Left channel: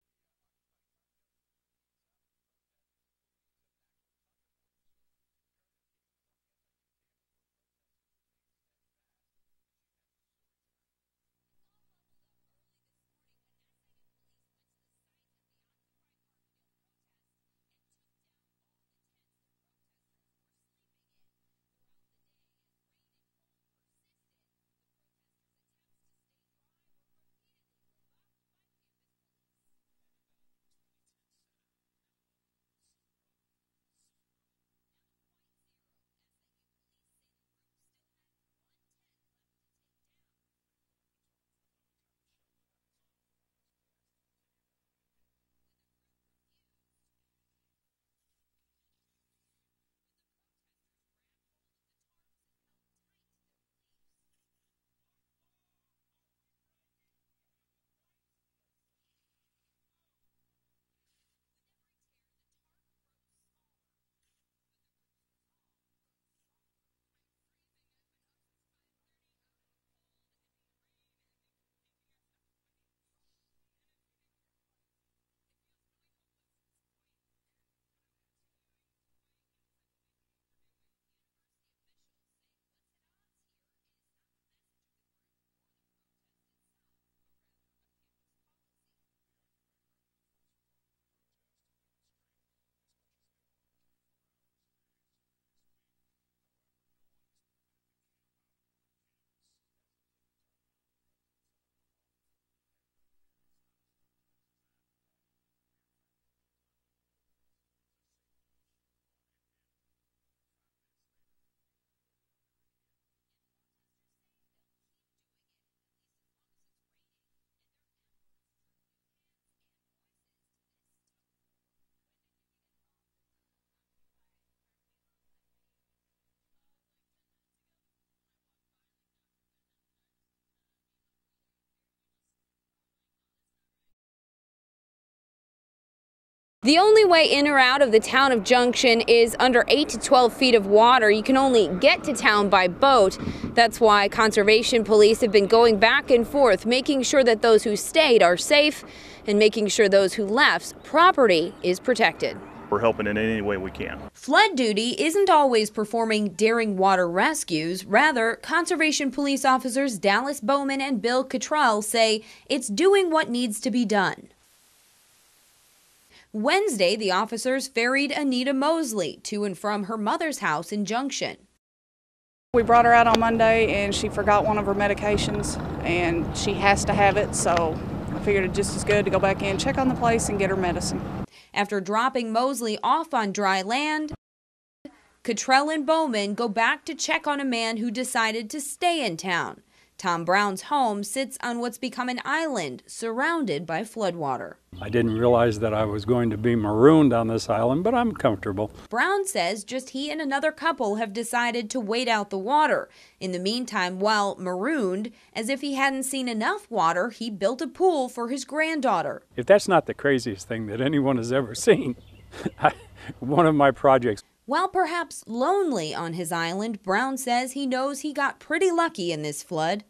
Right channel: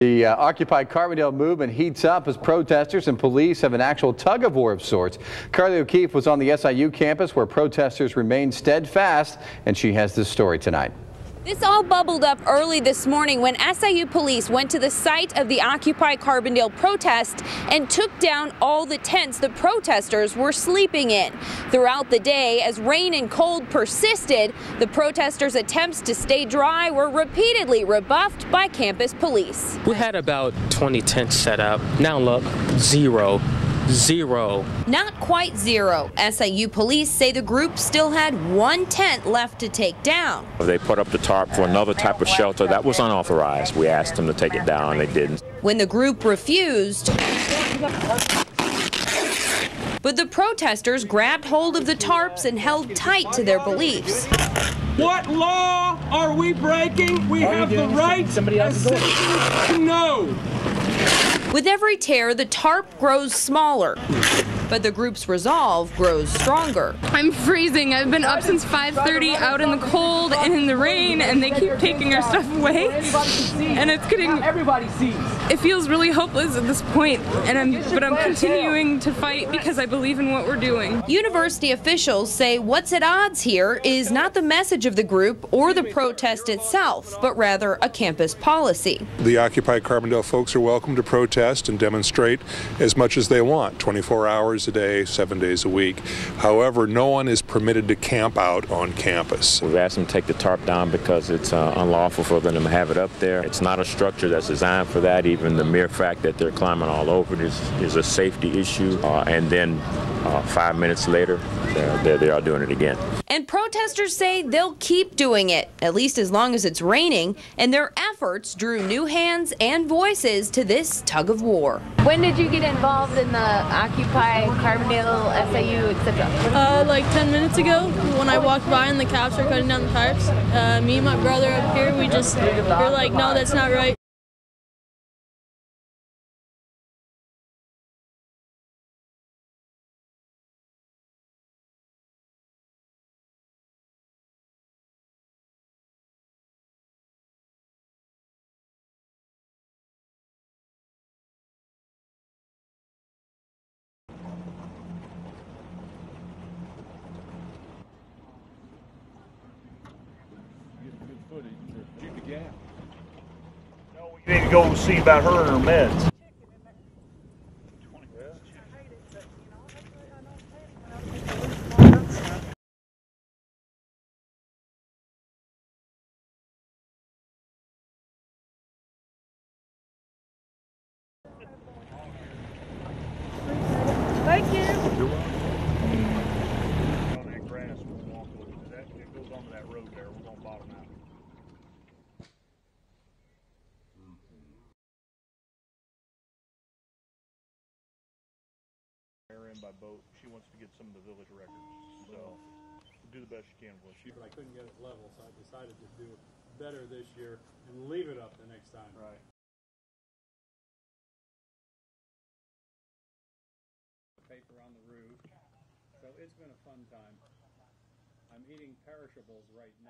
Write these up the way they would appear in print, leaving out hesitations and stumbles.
The Occupy Carbondale movement heats up as protesters and police have an actual tug-of-war of sorts. Carly O'Keefe was on the SIU campus where protesters remained steadfast, and she has this story tonight. This all bubbled up early this morning when SIU police went to the site of the Occupy Carbondale protest and took down all the tents the protesters were sleeping in. Throughout the day, as rain and cold persisted, the protesters' attempts to stay dry were repeatedly rebuffed by campus police. We had about 20 tents set up. Now look, zero. Not quite zero. SIU police say the group still had one tent left to take down. They put up the tarp for another type of shelter that was unauthorized. We asked them to take it down, they didn't. When the group refused, but the protesters grabbed hold of the tarps and held tight to their beliefs. What law are we breaking? We have the right to know. With every tear, the tarp grows smaller, but the group's resolve grows stronger. I'm freezing. I've been up since 5:30 out in the cold and in the rain, and they keep taking our stuff away. And it's getting, everybody sees. It feels really hopeless at this point, but I'm continuing to fight because I believe in what we're doing. University officials say what's at odds here is not the message of the group or the protest itself, but rather a campus policy. The Occupy Carbondale folks are welcome to protest and demonstrate as much as they want, 24 hours a day, 7 days a week. However, no one is permitted to camp out on campus. We've asked them to take the tarp down because it's unlawful for them to have it up there. It's not a structure that's designed for that. Even the mere fact that they're climbing all over it is a safety issue. And then 5 minutes later, they are doing it again. And protesters say they'll keep doing it, at least as long as it's raining, and their efforts drew new hands and voices to this tug-of-war. When did you get involved in the Occupy Carbondale, SIU, etc.? Like 10 minutes ago, when I walked by and the cops were cutting down the tarps, me and my brother up here, we're like, no, that's not right. The only way in or out of the town of Junction is under 8 to 12 feet of water. You can only get to town by boat. That's why conservation police have been going back and forth, making sure that those who stayed are safe and making sure those who left's property is protected. We're helping in any way we can. Flood duty isn't always performing daring water rescues. Rather, conservation police officers Dallas Bowman and Bill Cottrell say it's doing what needs to be done. You need to go see about her and her meds. Wednesday, the officers ferried Anita Mosley to and from her mother's house in Junction. We brought her out on Monday and she forgot one of her medications and she has to have it, so I figured it just as good to go back in, check on the place and get her medicine. After dropping Mosley off on dry land, Cottrell and Bowman go back to check on a man who decided to stay in town. Tom Brown's home sits on what's become an island surrounded by floodwater. I didn't realize that I was going to be marooned on this island, but I'm comfortable. Brown says just he and another couple have decided to wait out the water. In the meantime, while marooned, as if he hadn't seen enough water, he built a pool for his granddaughter. If that's not the craziest thing that anyone has ever seen, one of my projects. While perhaps lonely on his island, Brown says he knows he got pretty lucky in this flood.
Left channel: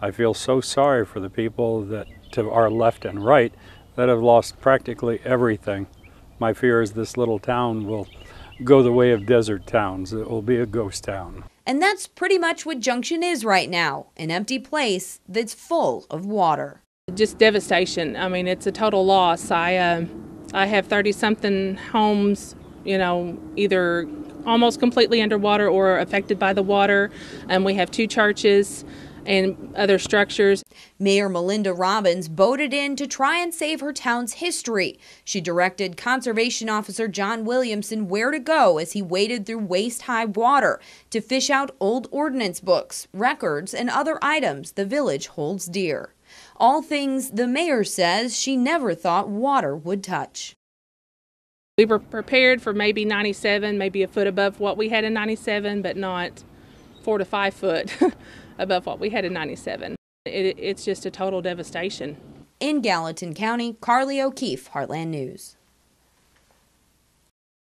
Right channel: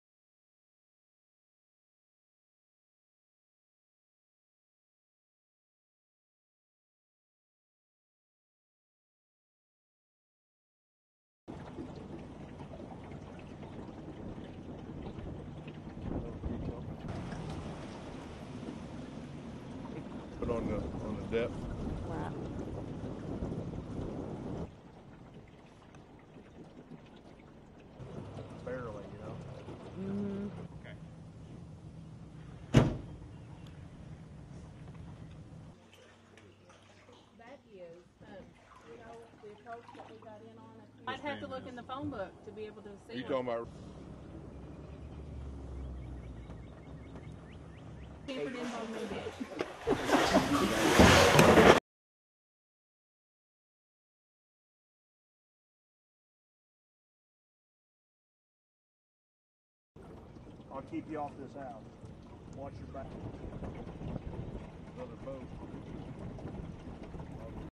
I feel so sorry for the people that to our left and right that have lost practically everything. My fear is this little town will go the way of desert towns. It will be a ghost town. And that's pretty much what Junction is right now, an empty place that's full of water. Just devastation. I mean, it's a total loss. I have 30-something homes, you know, either almost completely underwater or affected by the water. And we have 2 churches and other structures. Mayor Melinda Robbins boated in to try and save her town's history. She directed Conservation Officer John Williamson where to go as he waded through waist-high water to fish out old ordinance books, records, and other items the village holds dear. All things the mayor says she never thought water would touch. We were prepared for maybe 97, maybe a foot above what we had in 97, but not 4 to 5 foot above what we had in 97. It's just a total devastation. In Gallatin County, Carly O'Keefe, Heartland News.